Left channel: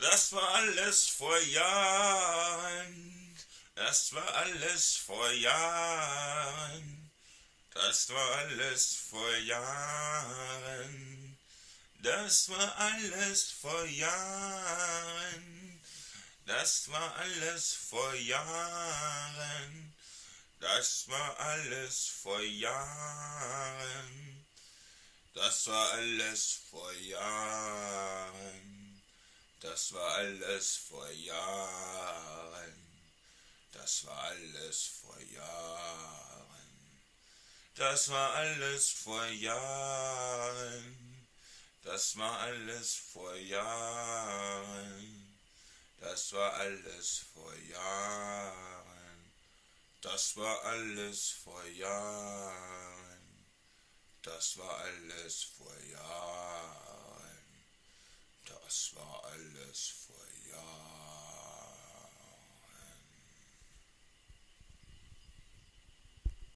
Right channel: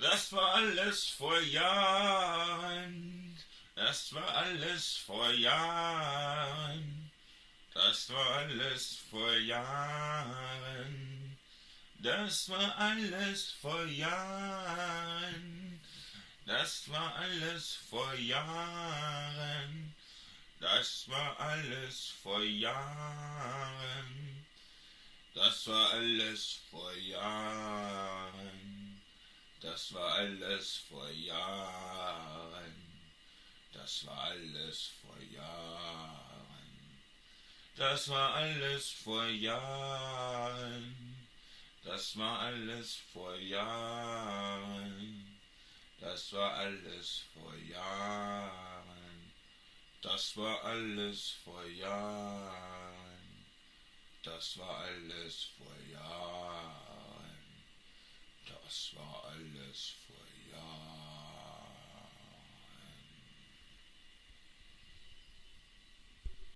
Das war alles vor Jahren. Das war alles vor Jahren. Das war alles vor Jahren. Das war alles vor Jahren. Das war alles vor Jahren. Das war alles vor Jahren. Das war alles vor Jahren. Das war alles vor Jahren. Das war alles vor Jahren. Das war alles vor Jahren. Das war alles vor Jahren. Das war alles vor Jahren. Das war alles vor Jahren. Das war alles vor Jahren. Das war alles